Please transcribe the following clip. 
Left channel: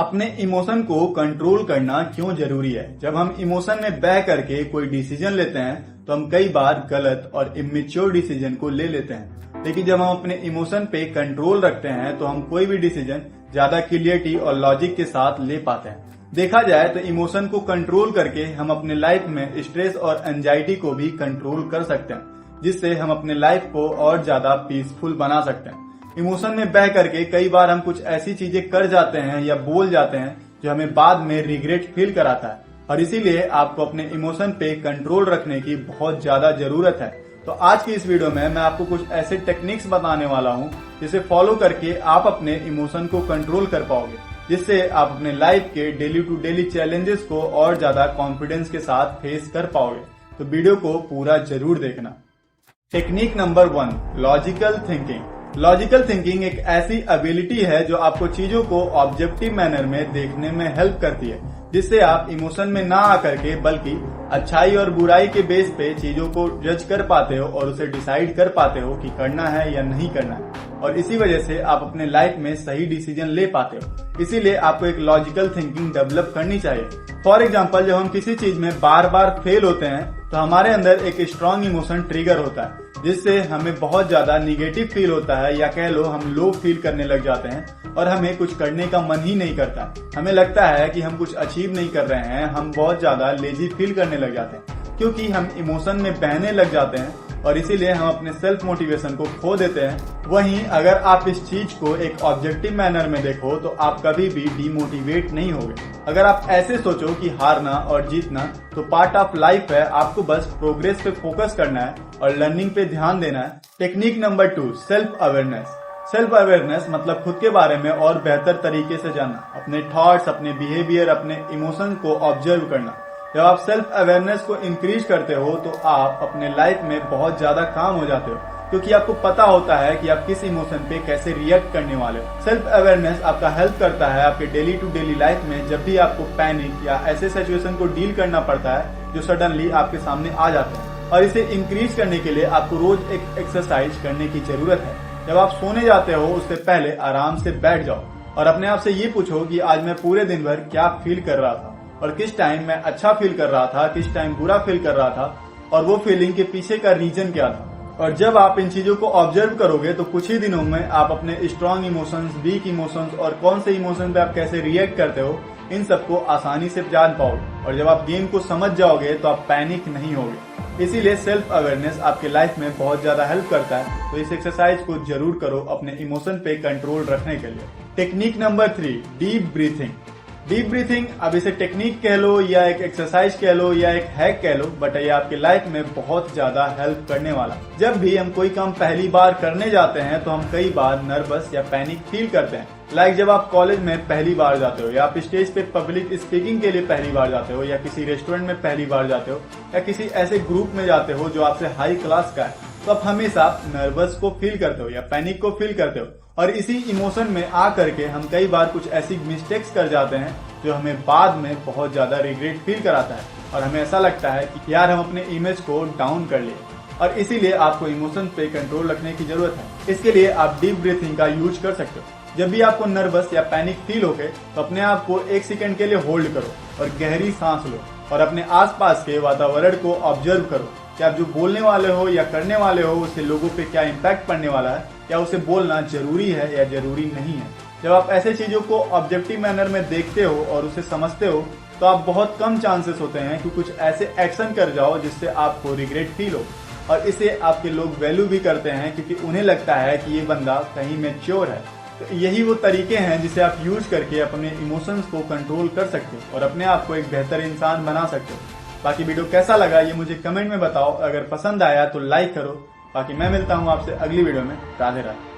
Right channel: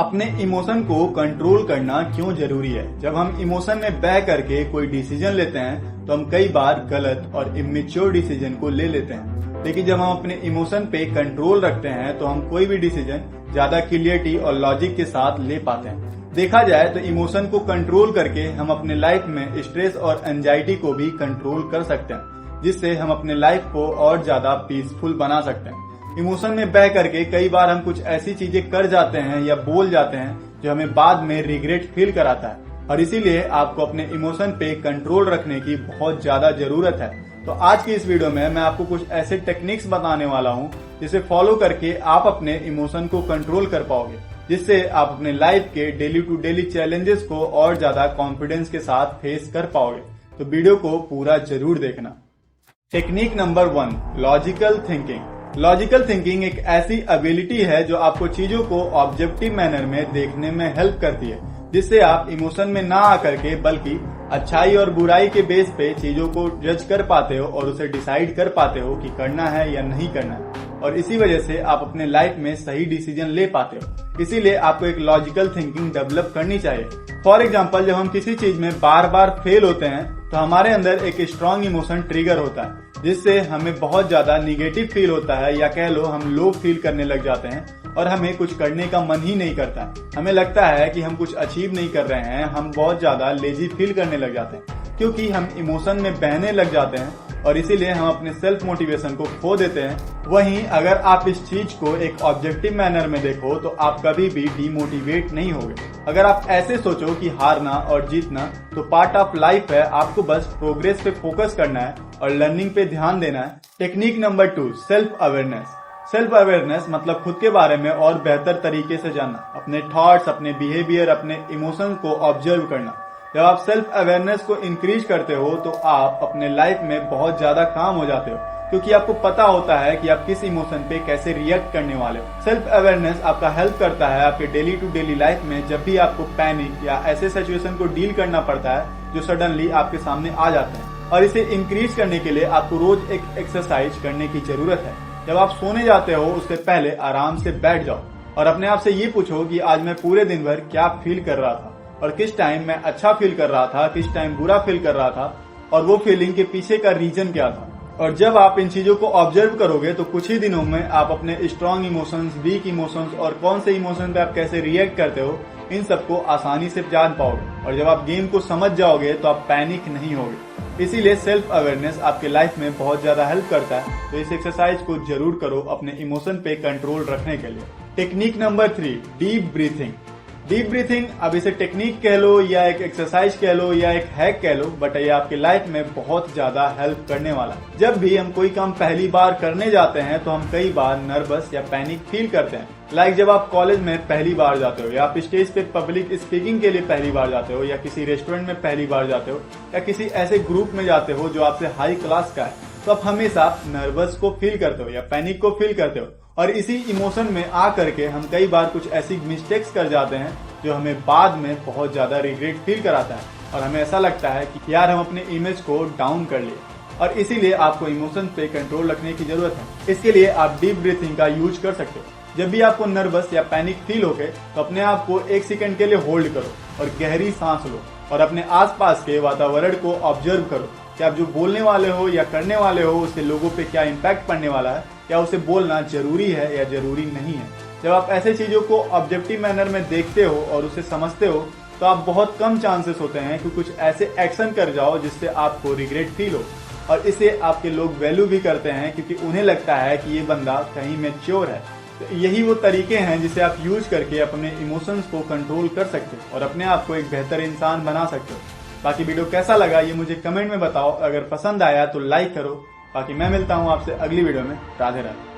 अपने इमोशन को कंट्रोल करना क्यों जरूरी है। जब हम इमोशन में बह करके कोई डिसीजन लेते हैं तो हम कई बार गलत और इमेच्योर डिसीजन को ले लेते हैं, लेकिन जब हम अपने इमोशन पे कंट्रोल रखते हैं तो हम कोई भी डिसीजन ज्यादा क्लियरिटी और लॉजिक के साथ ले पाते हैं। देखा जाए तो इमोशन को कंट्रोल करके हम अपने लाइफ में स्ट्रेस और एंजाइटी को भी कंट्रोल कर सकते हैं, जिससे हम अपने लाइफ को और ज्यादा पीसफुल बना सकते हैं। इमोशन में बह करके कई बार हम कुछ ऐसी चीजें कर जाते हैं या बोल जाते हैं जो हमें बाद में रिग्रेट फील कराता है, और इसीलिए आपको अपने इमोशन पे कंट्रोल रखने की बहुत ज्यादा जरूरत है। तो आज की इस वीडियो में मैं आपको कुछ ऐसे टेक्निक्स बताने वाला हूँ जिसे फॉलो करके आप अपने इमोशन को कंट्रोल कर पाओगे, जिससे आप अपने लाइफ के डेली टू डेली चैलेंजेस को और ज्यादा कॉन्फिडेंस के साथ फेस कर पाओगे। तो वीडियो को पूरा जरूर देखना। Technique number 1, logical thinking. Logical thinking एक ऐसी एबिलिटी है जो आपको चीजों को ऑब्जेक्टिव मैनर में देखने में हेल्प करती है, जिससे आप इमोशन में ना आकर के बल्कि अच्छाई और बुराई के बेस पे चीजों को जज कर पाते हो और उसे डिसाइड कर पाते हो कि करना है या नहीं करना, और इसी वजह से आप अपने लाइफ में सही डिसीजन ले पाते हो। इसीलिए आपको एक लॉजिकल थिंकिंग डेवलप करनी चाहिए। फॉर एग्जाम्पल, जब हम किसी चीज में बार बार फेल होते हैं तो हमारे अंदर एक स्ट्रॉन्ग इमोशन ट्रिगर होता है, जिससे हमें बहुत ज्यादा निगेटिव फील होता है, या कह लो हम लो फील करने लग जाते हैं और हमें कुछ करने का मन ही नहीं करता। हमें लगता है कि हम कुछ अचीव नहीं कर रहे हैं, हम बहुत ज्यादा लेजी फील करने लग जाते हैं क्योंकि हम इमोशन में बहने लग जाते हैं, और इसीलिए हम अपने सेल्फ मोटिवेशन को खो देते हैं। वहीं अगर आप इस चीज को एक ऑब्जेक्टिव मैनर में देखो तो आप कभी भी डीमोटिवेट नहीं होगे। अगर आप ऐसे सोचो कि हारना और जीतना तो पार्ट ऑफ लाइफ है, आपको बस प्रोग्रेस पे फोकस करना है और लर्निंग पे ध्यान देना है। Technique number 2, self awareness. Self awareness मतलब खुद के बारे में और बेहतर तरीके से जानना, अपने थॉट्स, अपने बिहेवियर, अपने इमोशन को ऑब्जर्व करना। जब आप सेल्फ अवेयरनेस को इंक्रीज करते हो तो आप अपने लाइफ में बहुत ज्यादा काम हो जाते हो, क्योंकि आपको पता होता है कि आप किस इमोशन पे कैसे रिएक्ट करने वाले हो। सेल्फ अवेयरनेस आपका हेल्प करता है आपके डेली टू डेली लाइफ में, जब भी आपको पैनिक या ऐसे सिचुएशन को डील करना पड़ता है जो सडनली आपके सामने आ जाते हैं। और इसे इंक्रीज करने के लिए आपको रोज एक एक्सरसाइज करने की जरूरत है। जब आप सोने जाते हो उससे पहले आराम से बैठ जाओ और अपने आप से ये पूछो कि आज मैं पूरे दिन भर क्या फील कर रहा था, और किस टाइम मैं अच्छा फील कर रहा था, किस टाइम बुरा फील कर रहा था, और वो फीलिंग के पीछे का रीजन क्या था। और जब आप इन चीजों को ऑब्जर्व करोगे तो कुछ ही दिनों में आप अपने स्ट्रॉन्ग इमोशंस, वीक इमोशंस और कौन से इमोशन पे आप कैसे रिएक्ट करते हो, इन सबको आसानी से जान पाओगे। और जब आप गेम को समझ जाओगे तो आप पैनिक नहीं होगे। इसीलिए सेल्फ अवेयरनेस आपके लाइफ में बहुत ज्यादा हेल्प करता है। तो इस एक्सरसाइज को जरूर करो अपने इमोशन पे कंट्रोल रखने के लिए। Technique number 3, deep breathing. Deep breathing, अब इसे टेक्निक कह लो या एक एक्सरसाइज कह लो या एक हैक कह लो, बट ये आपके लाइफ में बहुत ज्यादा हेल्प करने वाला है। जब भी हम कोई काम पहली बार करने जाते हैं तो हम कई बार नर्वस या पैनिक फील करते हैं। लाइक जब आप कॉलेज में पहली बार जाते हो, या आप स्टेज पे पब्लिक स्पीकिंग के लिए पहली बार जाते हो, या किसी रेस्टोरेंट में पहली बार जाते हो, या किसी ऐसे ग्रुप में जाते हो जो आपसे हाई क्लास का है, तो आप हमेशा नर्वस को फील करते हो या पैनिक को फील करते हो। और इसी इमोशन में आ करके हम कई बार कुछ ऐसी मिस्टेक्स कर जाते हैं जो हमें बाद में बहुत ज्यादा रिग्रेट फील कराता है, और हमें ऐसा लगता है कि यार हम अपने इमेज को डाउन कर लिए। और इसीलिए आपको इमोशन पे कंट्रोल रखने की जरूरत है। इसके लिए आप डीप ब्रीथिंग का यूज कर सकते हो। जब भी आपको नर्वस या पैनिक फील होगे तो अपने आप को 1 सेकंड के लिए होल्ड करो और गहरी सांस लो, और अपने आसपास के वातावरण को ऑब्जर्व करो कि आप जो बोलने वाले हो या करने वाले हो उससे लोगों पे क्या इम्पैक्ट पड़ने वाला है, क्या उसे बोलना जरूरी है या जरूरी नहीं है। जब आप ऐसे चीजों को ऑब्जेक्टिव मैनर में देखते हो और उसे समझते हो तो आप बहुत कम चांसेस होते हैं कि कुछ ऐसे एक्शन कर जाओ जिससे आपको रिग्रेट फील हो, और इसे आपके लोग वैल्यू भी करते हैं क्योंकि उन्हें लगता है कि ये बंदा कहीं मैच्योर है। तो यही वो तरीके हैं जिसे आप यूज करके अपने इमोशंस को कंट्रोल कर सकते हो और अपने आप को एक बेहतर इंसान बना सकते हो। बाकी वीडियो कैसा लगा ये मुझे कमेंट में बताओ। अगर पसंद आया तो लाइक करो। बाकी मैं मिलता हूँ आपसे अगली वीडियो में। राधे राधे।